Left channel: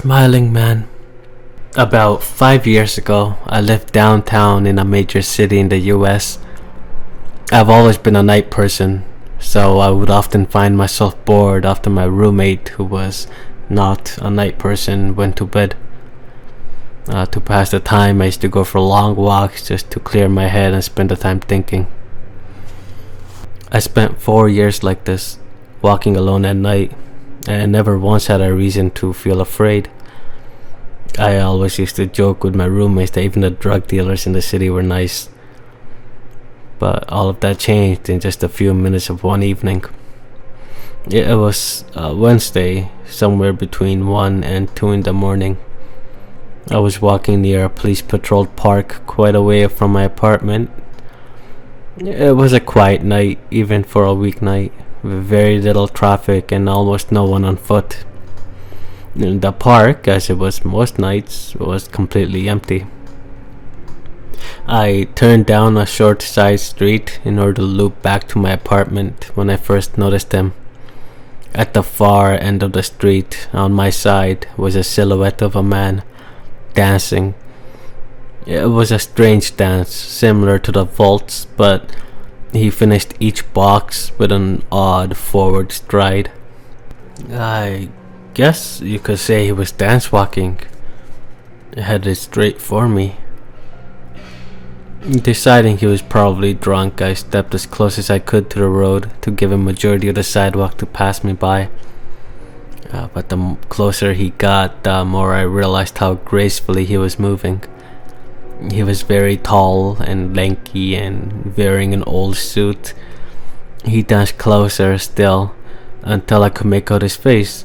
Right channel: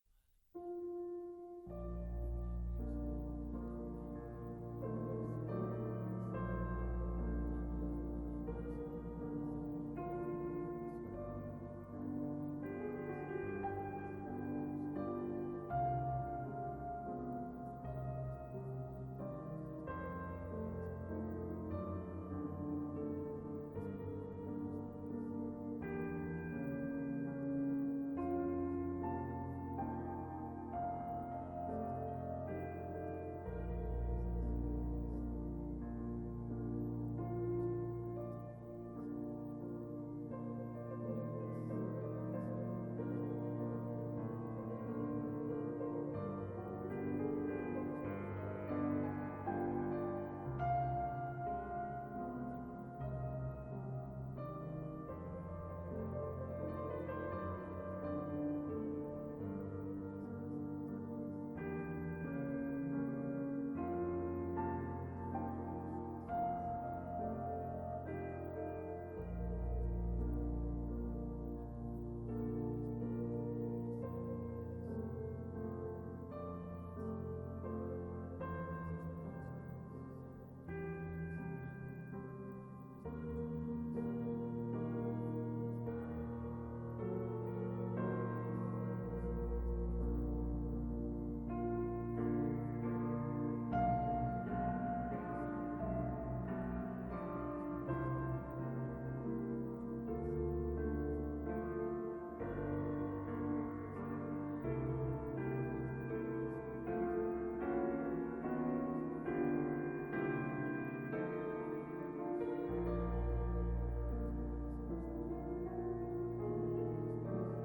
Smiling man. About 5 years ago, I lived downtown in a major city in the US. I've always been a night person, so I would often find myself bored after my roommate, who was not a night person, went to bed. To pass the time, I used to go for long walks just to clear my head and spend the time thinking. I spent 4 years like this, walking alone at night, and never once had a reason to feel afraid. I always used to joke with my roommates that even the drug dealers in the city were nice. But all of that changed in just a few minutes of one evening. It was Wednesday, somewhere between 1 and 2 in the morning. I was walking near a police patrolled park quite away from my apartment. It was a quiet night, even for a weeknight, with very little traffic and almost no one on foot. The park, as it was most nights, was completely empty. I turned down a short side street in order to loop back to my apartment when I first noticed him. At the far end of the street, on my side, was a silhouette of a man dancing. It was a strange dance, similar to the waltz, but he finished each box with an odd forward stride. I guess you could say he was dance walking, headed straight for me. Deciding he was probably drunk, I stepped as close as I could to the road to give him majority of the sidewalk to pass me by. But the closer he got, the more I realized how gracefully he was moving. He was very tall and lanky and wearing an old suit. He danced closer still until I could make out his face.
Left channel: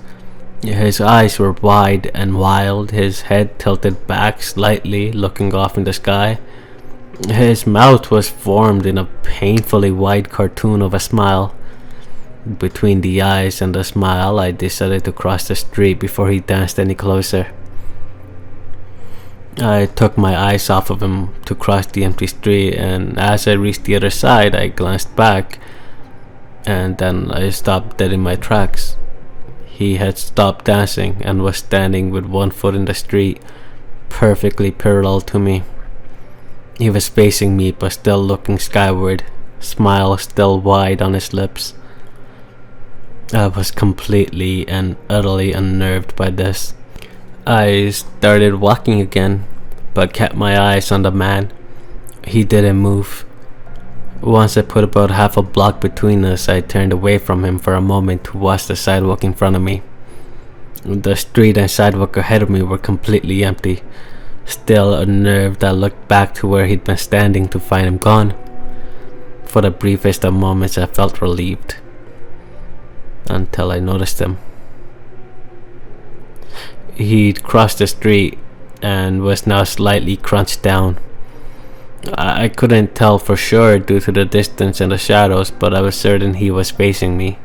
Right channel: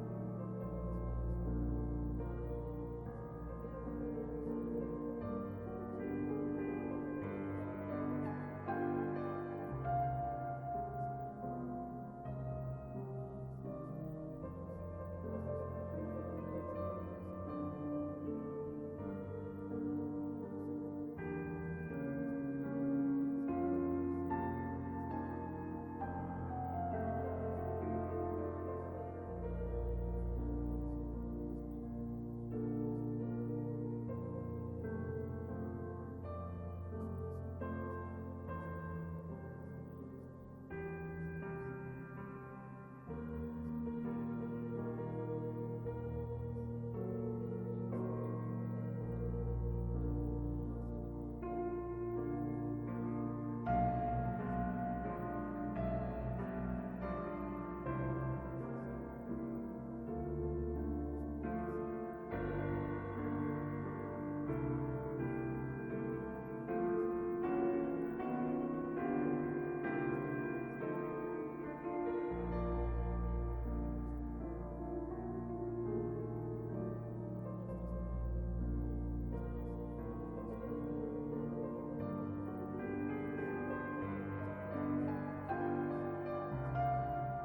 His eyes were wide and wild, his head tilted back slightly, looking off in the sky. His mouth was formed in a painfully wide cartoon of a smile. Between the eyes and the smile, I decided to cross the street before he danced any closer. I took my eyes off of him to cross the empty street, and as I reached the other side, I glanced back, and then I stopped dead in my tracks. He had stopped dancing and was standing with one foot in the street, perfectly parallel to me. He was facing me but still looking skyward, smile still wide on his lips. I was completely and utterly unnerved by this. I started walking again, but kept my eyes on the man. He didn't move. Once I put about half a block between us, I turned away from him for a moment to watch the sidewalk in front of me. The street and sidewalk ahead of me were completely empty. Still unnerved, I looked back to where he'd been standing to find him gone. For the briefest of moments, I felt relieved, until I noticed him. He'd crossed the street and was now slightly crunched down. I couldn't tell for sure due to the distance and the shadows, but I was certain he was facing me.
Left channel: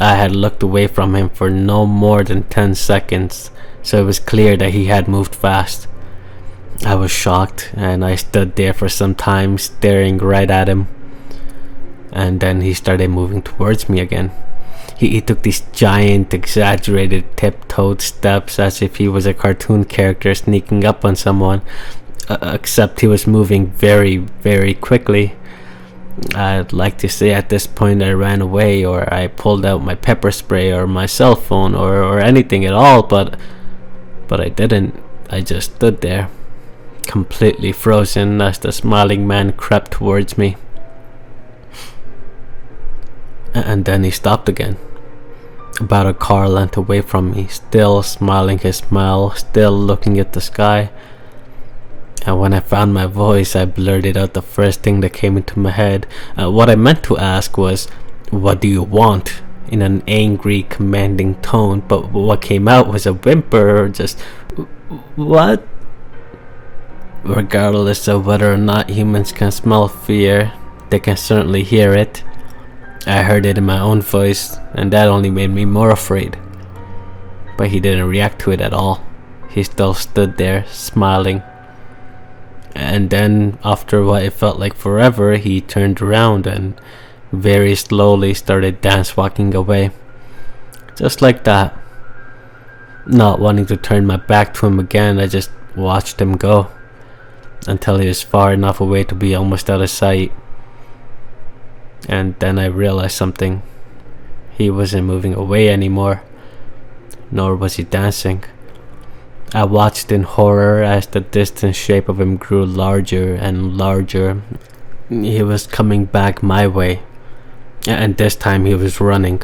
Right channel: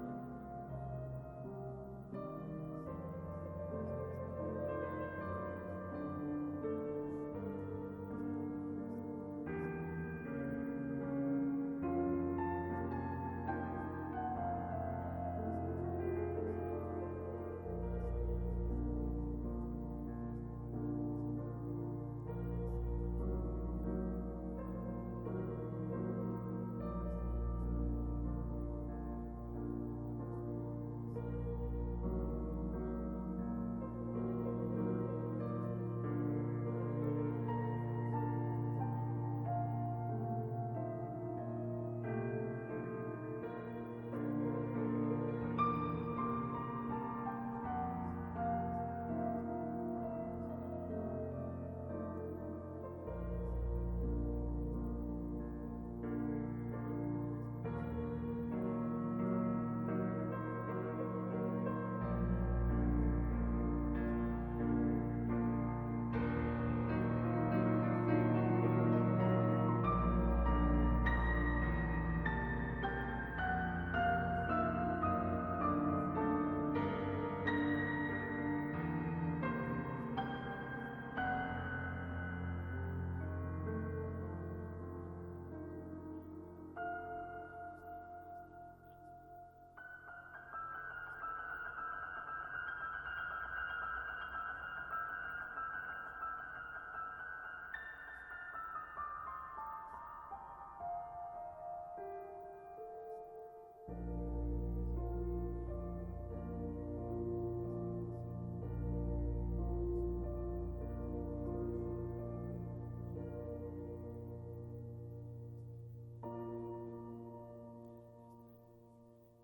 I had looked away from him for no more than 10 seconds, so it was clear that he had moved fast. I was shocked, and I stood there for some time staring right at him. And then he started moving towards me again. He took these giant, exaggerated, tiptoed steps as if he was a cartoon character sneaking up on someone, except he was moving very, very quickly. I'd like to say at this point I ran away, or I pulled out my pepper spray or my cell phone or anything at all, but I didn't. I just stood there, completely frozen as the smiling man crept towards me. And then he stopped again, about a car length away from me, still smiling his smile, still looking at the sky. And when I found my voice, I blurted out the first thing that came into my head. What I meant to ask was, "What do you want?" in an angry, commanding tone, but what came out was a whimper, or just, "What?" Regardless of whether or not humans can smell fear, they can certainly hear it. I heard it in my own voice, and that only made me more afraid. But he didn't react to it at all. He still stood there, smiling. And then, after what it felt like forever, he turned around and very slowly started dance walking away. Just like that. Not wanting to turn my back to him again, I just watched him go until he was far enough away to be almost out of sight. And then I realized something. He wasn't moving away anymore, nor was he dancing. I watched in horror as the distant shape of him grew larger and larger. He was coming back my way, and this time he was running.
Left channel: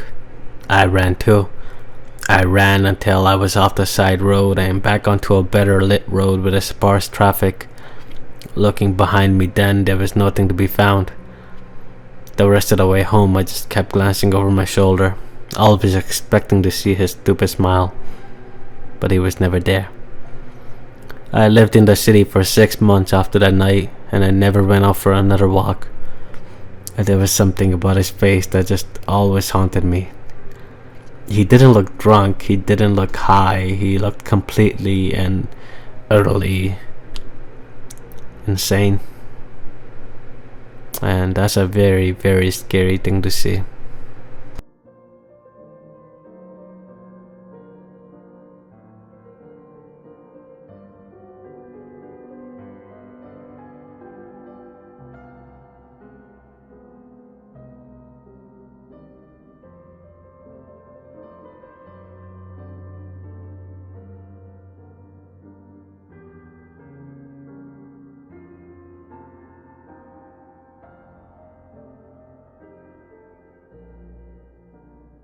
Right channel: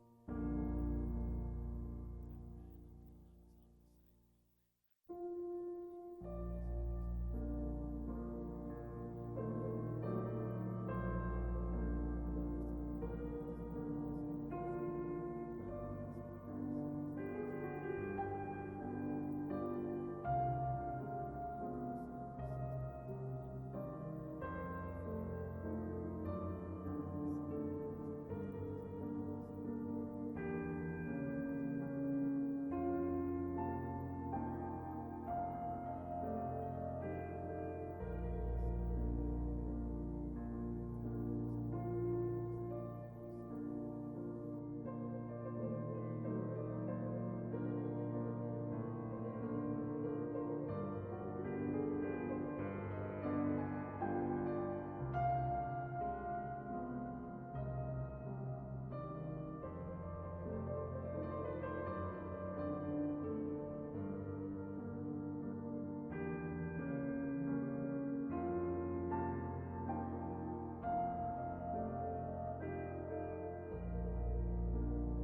I ran too. I ran until I was off the side road and back onto a better lit road with a sparse traffic. Looking behind me then, there was nothing to be found. The rest of the way home, I just kept glancing over my shoulder, always expecting to see his stupid smile, but he was never there. I lived in the city for 6 months after that night, and I never went out for another walk. And there was something about his face that just always haunted me. He didn't look drunk, he didn't look high, he looked completely and utterly insane. And that's a very, very scary thing to see.